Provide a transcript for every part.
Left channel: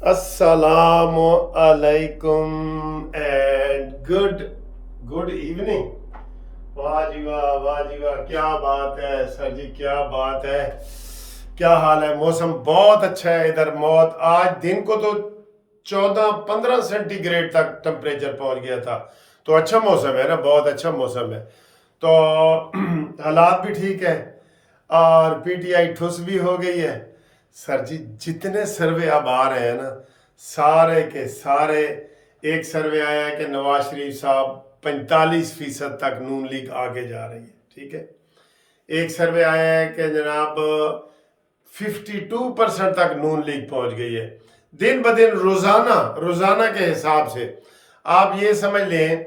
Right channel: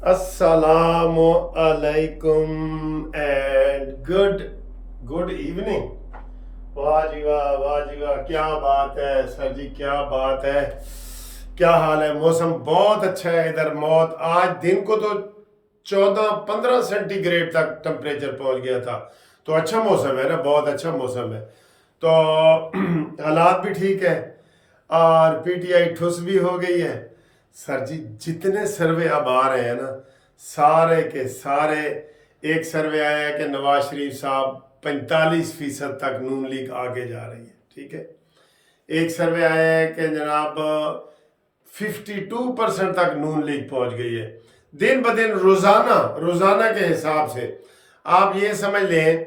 Assalamu alaikum and good evening. वाह जी वाह, क्या बात है सर जी, क्या बात है। क्या हाल है? मौसम बहुत अच्छा है इधर। मौत आज दिन को तो 14-15 सेंटीग्रेड तक टेम्परेचर पहुंच गया था। तो अच्छा मौसम है ना, बहुत अच्छा मौसम है। तो हालात भी ठीक है और पीटीआई ठुस भी हो गई है। सर जी, जितने सर्वे अब आ रहे हैं ना, सारे के सारे, एक सर्वे आया है कि नवाज शरीफ साहब 45% तक नून लीग आगे जा रही है, ठीक है। एक सर्वे आया है कि जनाब 52% तक नून लीग पहुंच गई है। दिन ब दिन रोजाना के हिसाब से आप ये समझ लें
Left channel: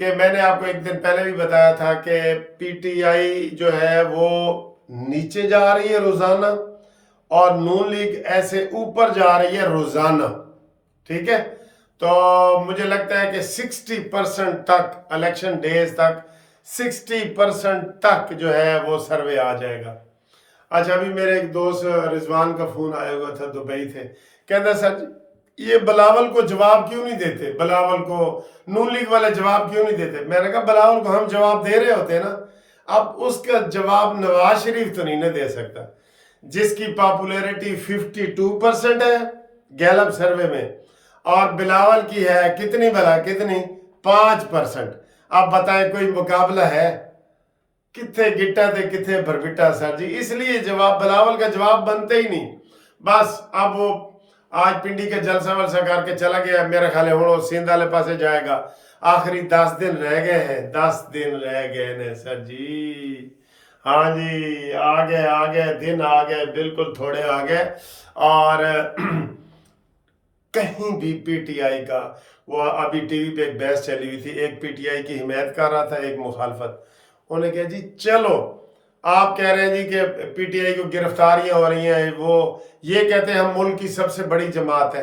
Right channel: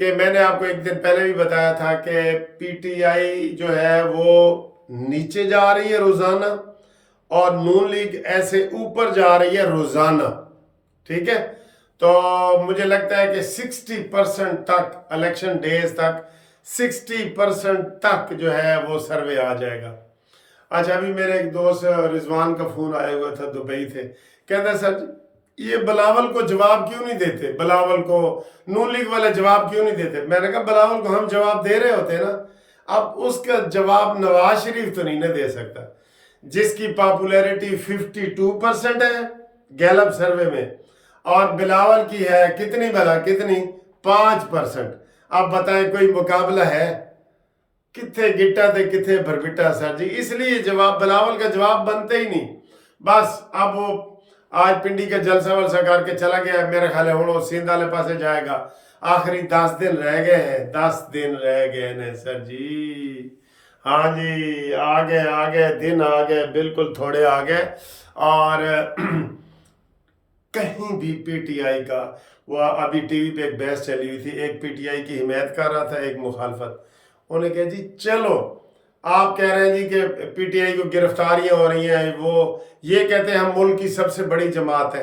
कि मैंने आपको एक दिन पहले भी बताया था कि पीटीआई जो है वो नीचे जा रही है रोजाना और नून लीग ऐसे ऊपर जा रही है रोजाना, ठीक है। तो मुझे लगता है कि 60% तक इलेक्शन डेज तक 60% तक जो है वो सर्वे आ जाएगा। अच्छा, अभी मेरे एक दोस्त रिजवान का फोन आया हुआ था, दुबई थे। कहता सर जी, ये बिलावल को जवाब क्यों नहीं देते, बिलावल को नून लीग वाले जवाब क्यों नहीं देते। मैंने कहा बिलावल को हम जवाब दे रहे होते ना, अब उसका जवाब नवाज शरीफ तो नहीं ना दे सकता, जिसकी पॉपुलैरिटी 52% है गैलप सर्वे में, और बिलावल की है कितनी, भला कितनी, 5%। अब बताएं कोई मुकाबला है? किथे गिट्टा थे किथे भरबिटा सर जी। इसलिए जवाब बिलावल का जवाब बनते ही नहीं। बस अब वो आज पिंडी का जलसा वलसा करके चला गया, मेरे ख्याल है हूँ सिंध वाले पासे जाएगा। आखिरी 10 दिन रह गए हैं, 10 दिन रह गए ने सर जी। हाँ जी, आ गए दिन, आ गए, बिल्कुल थोड़े आ गए। और कहीं भी पीटीआई का, वो अभी टीवी पे एक बहस चली हुई थी, एक पीटीआई की हिमायत कर रहा था, एक मुखालफत। उन्हें कहा जी चलो, आप कह रहे हैं जी कि पीटीआई को गिरफ्तारियां हो रही हैं, वो ये कहते हैं हम मुल्क की सबसे बड़ी जमात है।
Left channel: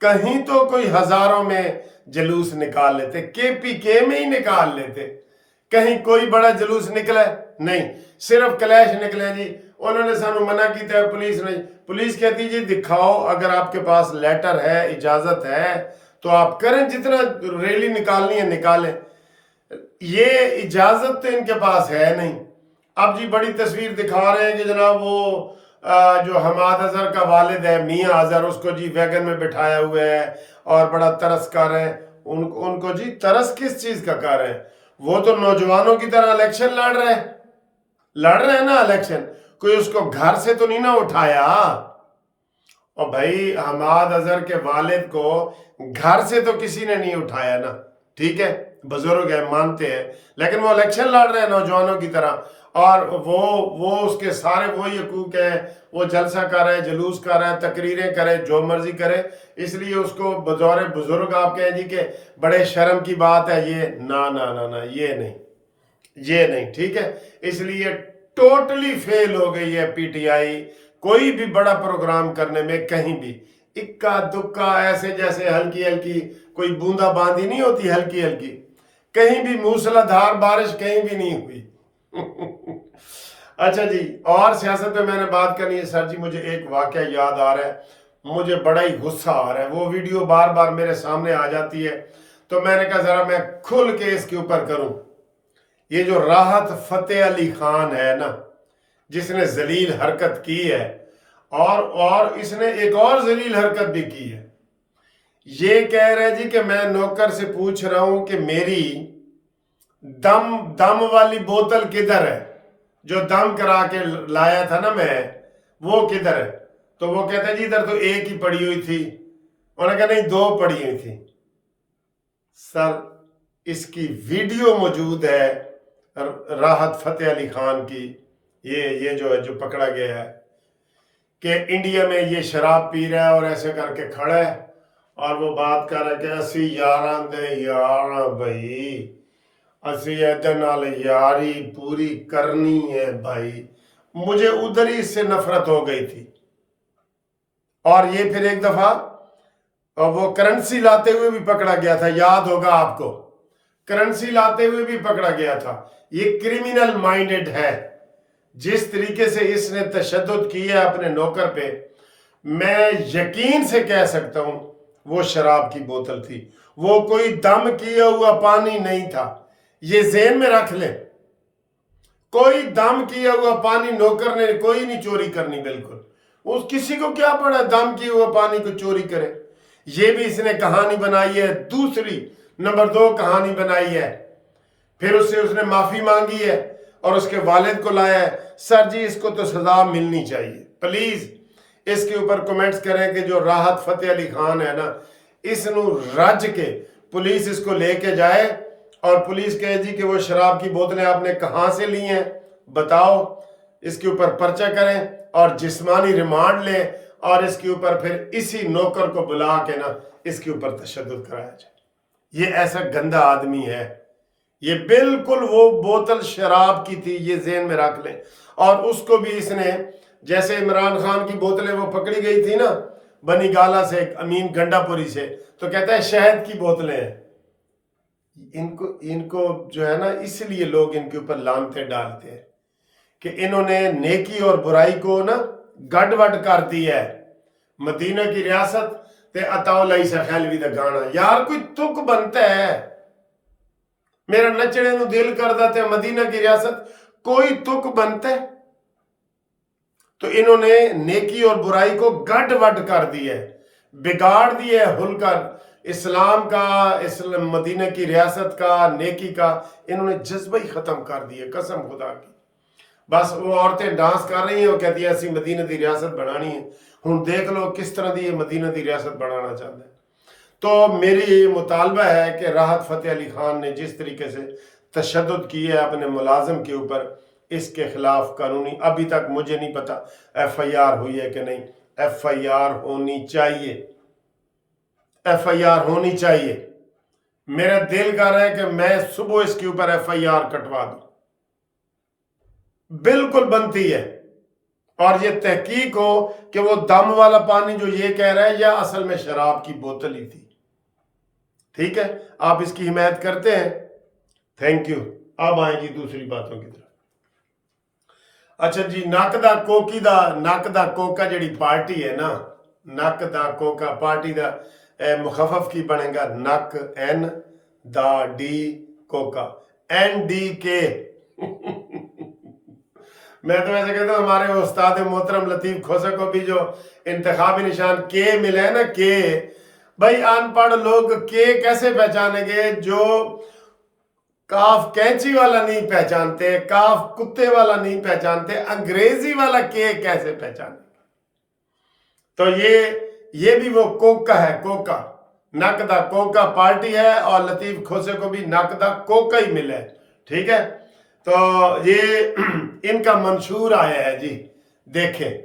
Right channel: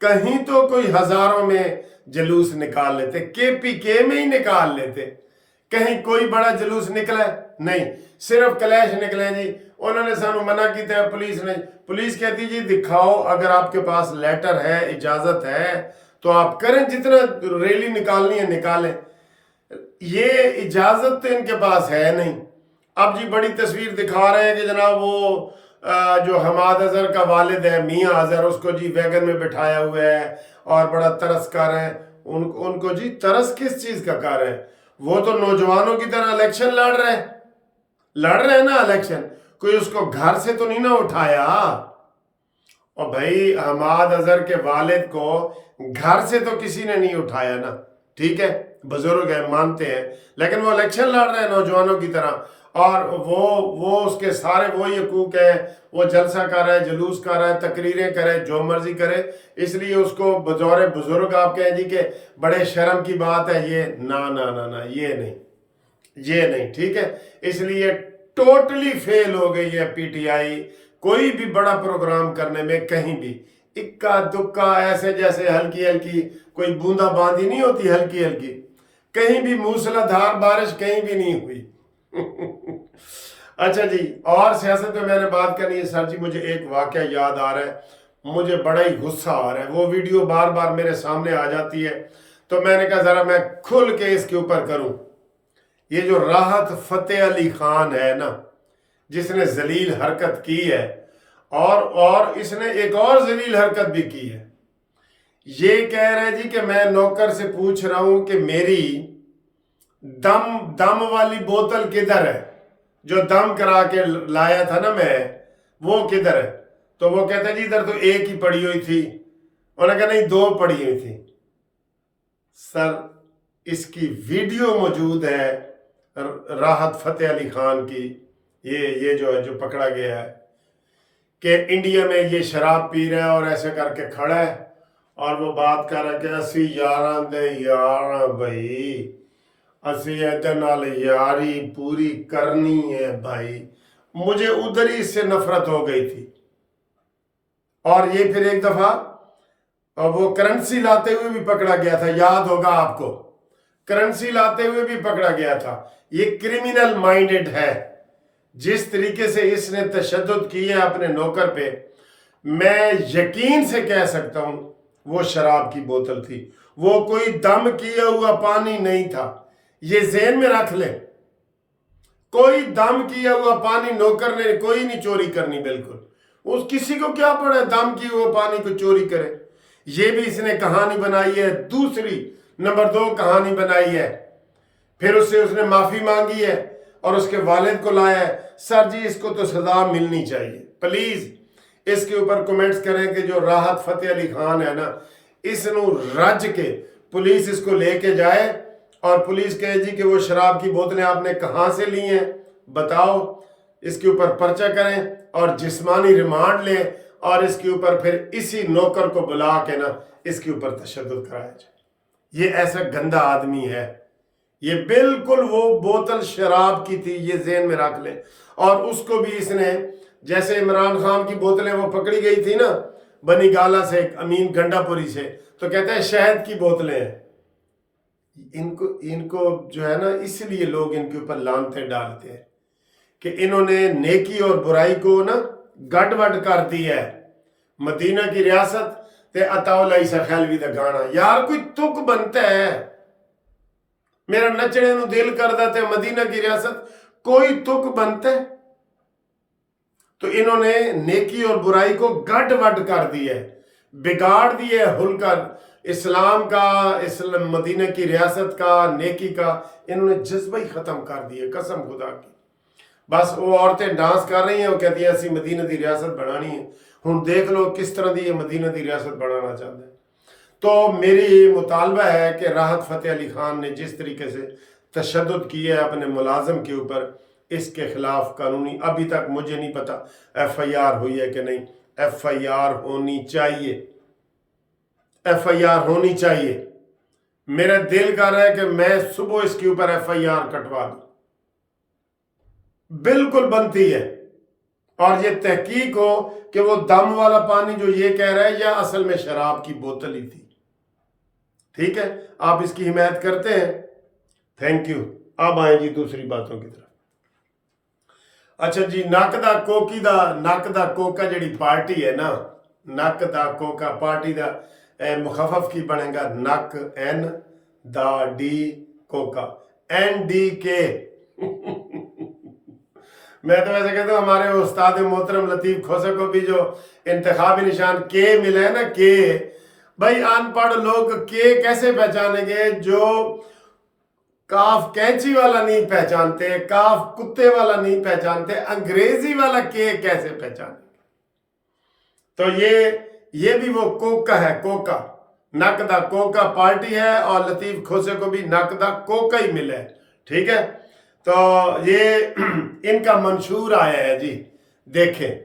कहीं तो कोई हजारों में जुलूस निकाल लेते, केपीके में ही निकाल लेते। कहीं कोई बड़ा जुलूस निकला नहीं, सिर्फ क्लैश निकले जी। उन्होंने सानू मना किया, पुलिस ने, पुलिस कहती जी दिखाओ, अगर आपके पास लेटर है, इजाजत है तो आप करें, जितना रैली निकालनी है निकालें। ये इजाजत तो इनके पास है नहीं। अब जी बड़ी तस्वीर दिखा रहे हैं कि जनाब वो जो हमाद अजहर का वालिद है मियाँ अजहर, उसको जी वैगन में बिठाया हुआ है और बड़ा तरस कर रहे हैं। उनको जी तरस किस चीज का कर रहे हैं? वो तो नौजवानों की तरह इलेक्शन लड़ रहे हैं ना इलेक्शन। कोई उसको घर से तो नहीं ना उठाया। और भाई हमाद अजहर के वालिद को घर से तो किसी ने नहीं उठाया ना, ठीक है, बुजुर्ग है मानते हैं, लेकिन वो इलेक्शन लड़ रहे हैं नौजवानों की तरह। और वो उसके सारे वो हकूक है, वो जलसा कर रहा है, जुलूस कर रहा है, तकरीरें करे, जो मर्जी करे। इसलिए उसको बतौर बुजुर्ग आप कहें जी कि बड़े शर्म की बात है ये, ना ना ना ना, ये नहीं, ठीक है। इसलिए टोटली फेल हो गई है पीटीआई कोई भी बड़ा प्रोग्राम करने में। कहीं भी इक्का दुक्का, ऐसे जैसे हल्की हल्की कोई बूंदा बांदी नहीं होती, हल्की हल्की, कहीं भी मूसलाधार बारिश कहीं भी नहीं हुई। अच्छा जी, और सियासत में मैंने बात करनी है सर जी। मुझे एक वाकया याद आ रहा है, मुझे बड़ा ही गुस्सा आ रहा है। वो वीडियो बार बार मेरे सामने आ जाती है, तो मैंने कहा जरा मैं खुल के इसके ऊपर करूं। ये जो राहत फतेह अली खान है ना, जिसने जलील हरकत की है, और इसने एक और जलील हरकत भी की है। ये कह रहे जी कि मैं नौकर से पूछ रहा हूं कि मेरी दम वाली बोतल किधर है, जो दम करा के लाया था ना मैं, वो किधर है? तो वो कहते हैं जी इधर तो एक ही पड़ी हुई थी। उन्होंने कहा नहीं, 2 पड़ी हुई थी। सर, इसकी वीडियो मौजूद है राहत फतेह अली खान की, ये जो पकड़ा गया है कि इंडिया में ये शराब पी रहा है और ऐसे करके खड़ा है और वो बात कर रहा है कि असी यारां दे यार भाई, असी इहदे नाल यारी पूरी करनी है भाई। मुझे उधर ही इससे नफरत हो गई थी। और ये फिर एक दफा वो करेंसी लाते हुए भी पकड़ा गया था, याद होगा आपको, करेंसी लाते हुए भी पकड़ा गया था। ये क्रिमिनल माइंडेड है। जिस तरीके से इसने तशद्दुद किया है अपने नौकर पे, मैं यकीन से कह सकता हूं वो शराब की बोतल थी, वो कोई दम किया हुआ पानी नहीं था। ये ज़हन में रख लें, कोई दम किया हुआ पानी नौकर ने कोई नहीं चोरी करनी, बिल्कुल। उस किसी को क्या पड़ा दम किया हुआ पानी को चोरी करे। ये भी इसने कहानी बनाई है। दूसरी नंबर 2 कहानी बनाई है, फिर उससे उसने माफी मांगी है और उसके वालिद को लाया है। सर जी इसको तो सजा मिलनी चाहिए। प्लीज इसके ऊपर कमेंट्स करें कि जो राहत फतेह अली खान है ना, इसनू रज के पुलिस इसको लेके जाए और पुलिस कहे जी कि वो शराब की बोतलें आपने कहाँ से ली हैं बताओ, इसके ऊपर पर्चा करें और जिस्मानी रिमांड लें और इसके ऊपर फिर इसी नौकर को बुला के ना इसके ऊपर तशद्दुद कराया जाए। ये ऐसा गंदा आदमी है। ये बिल्कुल वो बोतल शराब की थी, ये ज़हन में रख लें। और उसको भी इसने, जैसे इमरान खान की बोतलें वो पकड़ी गई थी ना बनी गाला से, अमीन गंडापुरी से, तो कहता है शहद की बोतलें हैं। इनको जो है ना, इसलिए लोग इनके ऊपर लानते डालते हैं कि इन्होंने नेकी और बुराई को ना गड़बड़ कर दिया है। मदीना की रियासत ते अताउल ईसा खैलवी दा गाना, यार कोई तुक बनता है, मेरा नचने नू दिल करदा ते मदीना की रियासत, कोई तुक बनता है। तो इन्होंने नेकी और बुराई को गड़बड़ कर दिया है, बिगाड़ दिया है हुल्का इस्लाम का, इस्लाम मदीना की रियासत का, नेकी का। इन्होंने जज्बा ही खत्म कर दिया कसम खुदा की। बस वो औरतें डांस कर रही हैं, वो कहती है ऐसी मदीना की रियासत बनानी है। हुण देख लो किस तरह की मदीना की रियासत बनाना चाहते हैं। तो मेरी ये मुतालबा है कि राहत फतेह अली खान ने जिस तरीके से तशद्दुद किया है अपने मुलाजिम के ऊपर, इसके खिलाफ कानूनी, अभी तक मुझे नहीं पता FIR हुई है कि नहीं, FIR होनी चाहिए, FIR होनी चाहिए। मेरा दिल कर रहा है कि मैं सुबह इसके ऊपर FIR कटवा दूं, बिल्कुल बनती है। और ये तहकीक हो कि वो दम वाला पानी जो ये कह रहा है या असल में शराब की बोतल ही थी। ठीक है, आप इसकी हिमायत करते हैं, थैंक यू। अब आए जी दूसरी बातों की तरफ। अच्छा जी, नक दा कोकी दा, नक दा कोका जड़ी पार्टी है ना, नक दा कोका पार्टी दा मुखफफ की बनेगा नक, N दा D कोका, NDK। मैं तो वैसे कहता हूँ हमारे उस्ताद मोहतरम लतीफ़ खोसे को भी जो इंतखाबी निशान के मिला है ना, के, भाई अनपढ़ लोग के कैसे पहचानेंगे जो काफ कैंची वाला नहीं पहचानते, काफ कुत्ते वाला नहीं पहचानते, अंग्रेजी वाला के कैसे पहचानेंगे। तो ये भी वो कोका है, कोका, नक दा कोका पार्टी है और लतीफ़ खोसे को भी नक दा कोका ही मिला है। ठीक है, तो ये इनका मंशूर आया है जी। देखें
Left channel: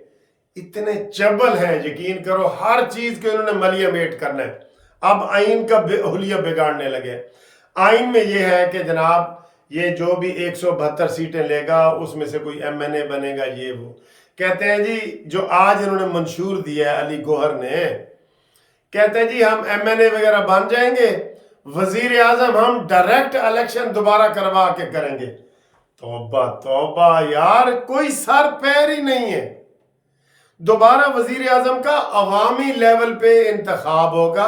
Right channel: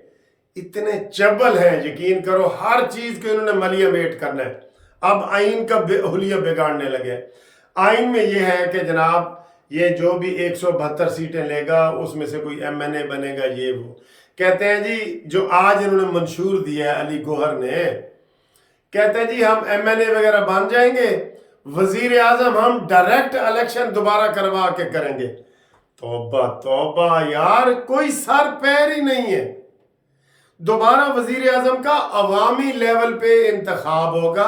इतने चबल हैं, यकीन करो हर चीज को इन्होंने मलिया मेट करना है। अब आइन का हुलिया बिगाड़ने लगे। आइन में ये है कि जनाब ये जो भी 172 सीटें लेगा उसमें से कोई MNA बनेगा, ये वो कहते हैं जी। जो आज इन्होंने मंशूर दिया है अली गौहर ने, कहते हैं जी हम MNA वगैरह बन जाएंगे, वजीर आजम हम डायरेक्ट इलेक्शन दोबारा करवा के करेंगे। तौबा तौबा यार, कोई सर पैर ही नहीं है। दोबारा वजीर आजम का अवामी लेवल पे इंतखाब होगा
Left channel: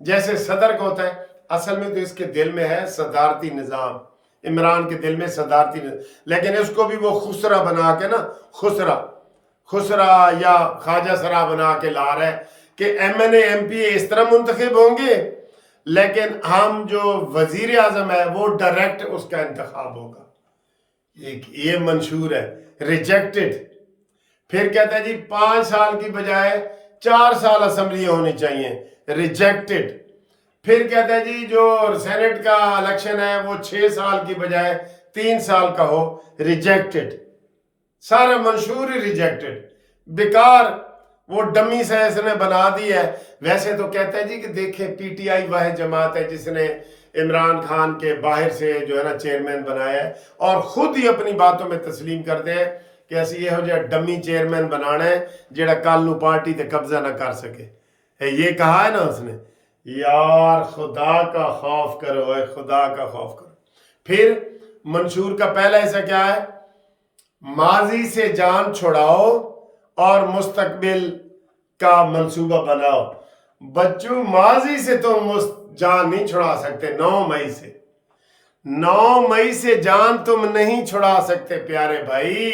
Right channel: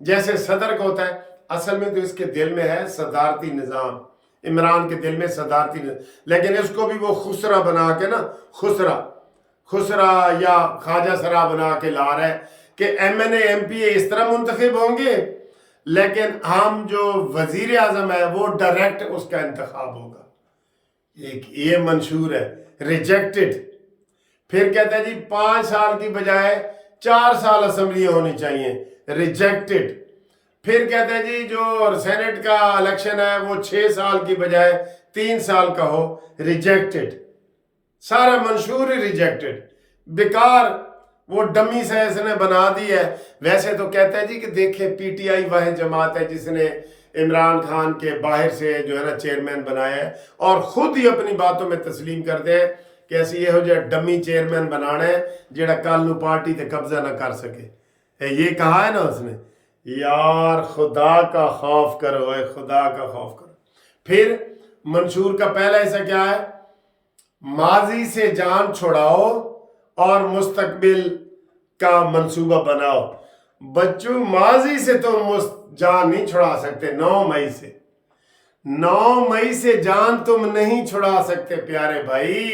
जैसे सदर का होता है। असल में तो इसके दिल में है सदारती निज़ाम, इमरान के दिल में सदारती निज़ाम, लेकिन इसको भी वो खुसरा बना के ना, खुसरा या ख्वाजा सरा बना के ला रहा है कि MNA MPA इस तरह मुंतखब होंगे, लेकिन हम जो वजीर आजम है वो डायरेक्ट उसका इंतखाब होगा। ये मंशूर है, रिजेक्टेड। फिर कहता है जी 5 साल की बजाय 4 साल असेंबली होनी चाहिए, रिजेक्टेड। फिर कहता है जी जो सेनेट का इलेक्शन है वो 6 साल की बजाय 3 साल का हो, रिजेक्टेड। सारा मंशूर ही रिजेक्टेड, बेकार, वो डमी से इसने बना दी है। वैसे तो कहता है जी कि देखें PTI वह जमात है जिसने इमरान खान के बाहर से जो है ना चेयरमैन बनाया है, और खुद ही अपनी बातों में तस्लीम करते हैं कि ऐसी यहो जिहा डमी चेयरमैन बनाना है जेड़ा कल नू पार्टी ते कब्जा ना कर सके। ये कहा है ना उसने। यार खुदा का खौफ करो, है खुदा का खौफ करो। फिर मंशूर का पहला हिस्सा क्या है, माजी से जान छुड़ाओ और मुस्तकबिल का मंसूबा बनाओ। बच्चों माजी से तुम जान नहीं छुड़ा सकते, 9 मई से, 9 मई से जान तुम नहीं छुड़ा सकते प्यारे भाई।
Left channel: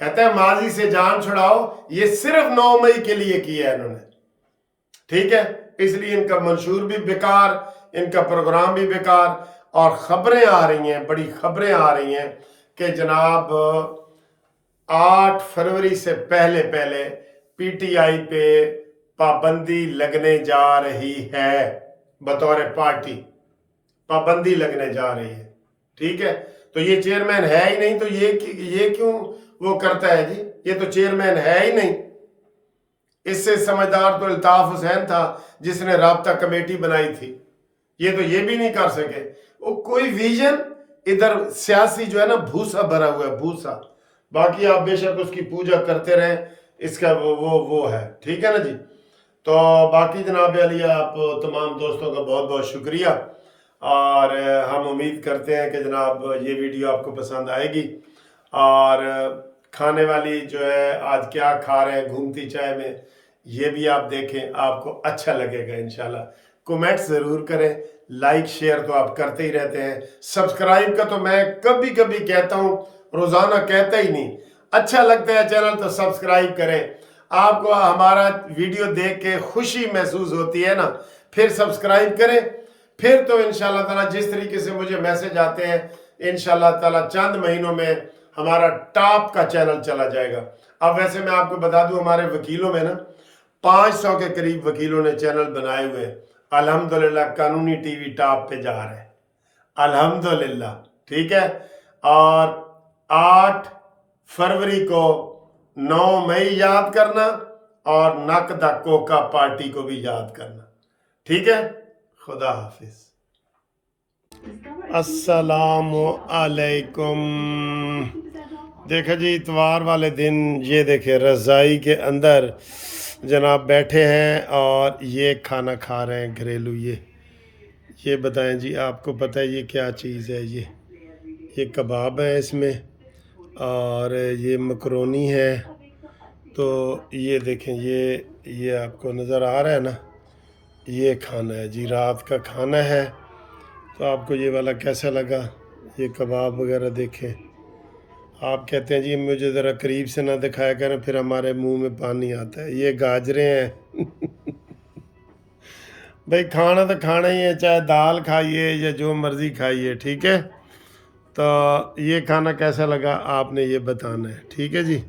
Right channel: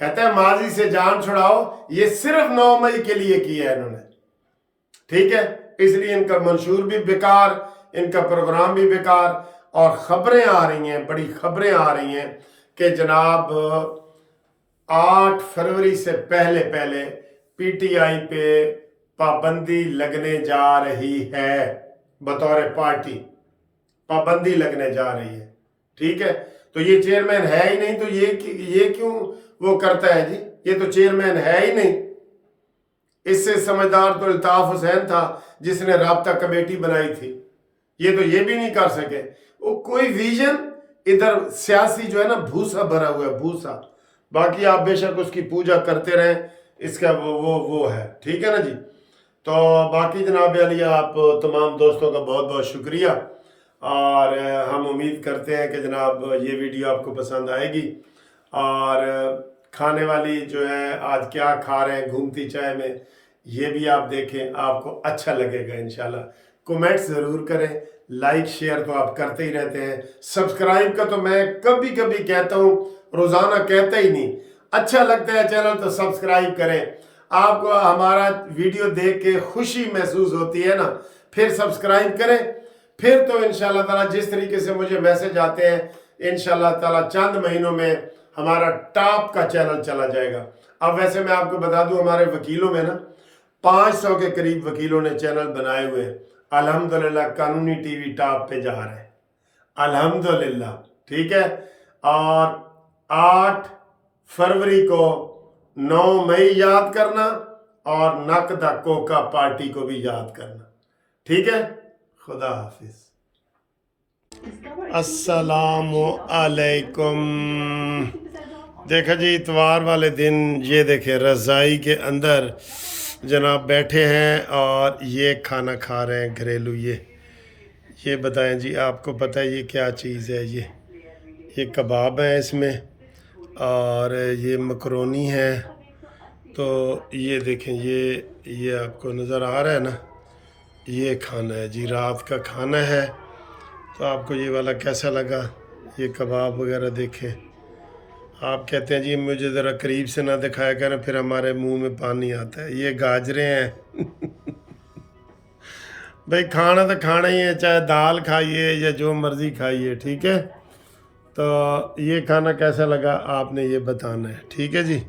कहता है माजी से जान छुड़ाओ, ये सिर्फ 9 मई के लिए किया है इन्होंने, ठीक है। इसलिए इनका मंशूर भी बेकार, इनका प्रोग्राम भी बेकार। और खबरें आ रही हैं, बड़ी खबरें आ रही हैं कि जनाब 8 फरवरी से पहले पहले पीटीआई पे पाबंदी लगने जा रही है, बतौर पार्टी पाबंदी लगने जा रही है, ठीक है। तो ये चेयरमैन है ही नहीं, तो ये क्यों वो करता है जी, ये तो चेयरमैन है ही नहीं। इससे समझदार तो अल्ताफ हुसैन था जिसने राब्ता कमेटी बनाई थी, ये तो ये भी नहीं कर सके। वो कोई विजन, इधर सियासी जो है ना भूसा भरा हुआ है, भूसा। बाकी आप बेशक उसकी पूजा करते रहें, इसका वो है, ठीक है ना जी। तो बाकी जनाब अली आप तमाम दोस्तों का बहुत बहुत शुक्रिया, और हम उम्मीद करते हैं कि जनाब ये वीडियो आपको पसंद आएगी। और खाने वाली जो है आज क्या खा रहे हैं घूमती चाय में, ये भी आप देखें, आपको अच्छा लगेगा इंशाल्लाह। कमेंट ज़रूर करें, लाइक शेयर तो आप करते ही रहते हैं, सब्सक्राइब का तो मैं कभी कभी कहता हूँ, रोज़ाना कहता ही नहीं। अच्छा लगता है चैनल तो सब्सक्राइब करें। आपको हमारा वीडियो देख के खुशी महसूस होती है ना, फिर सब्सक्राइब करें। फिर तो इंशाल्लाह ताला जिस तरीके से मुझे मैसेज आते हैं, इंशाल्लाह ताला चंद महीनों में हमारा टॉप का चैनल चला जाएगा। अब वैसे मैं आपको बता दूं, हमारे वकीलों में ना 500 के करीब वकीलों ने चैनल बनाए हुए हैं। अल्हम्दुलिल्लाह कानूनी टीवी टॉप पे जा रहे हैं, अल्हम्दुलिल्लाह, ठीक है। और 8 फरवरी को 9 मई याद करना, और नकदा कोका पार्टी को भी याद करना, ठीक है। खुदा हाफिज। अस्सलामु अलैकुम। देखा जी, इतवार वाले दिन ये देखे रज़ाई के अंदर जनाब बैठे हैं और ये खाना खा रहे हैं घरेलू। ये बताएं जी, आपको पता है ये क्या चीज़ है? ये कबाब है इसमें, और ये मकरोनी है। तो ये देखें, ये आपको नज़र आ रहा है ना, ये खाना है जी, रात का खाना है। तो आपको ये वाला कैसा लगा? ये कबाब वगैरह देखें। आप कहते हैं जी मुझे ज़रा करीब से ना दिखाया करें, फिर हमारे मुंह में पानी आता है। ये गाजरें हैं भाई, खाना तो खाना ही है, चाहे दाल खाइए या जो मर्ज़ी खाइए, ठीक है। तो ये खाना कैसा लगा आपने ये बताना है, ठीक है जी।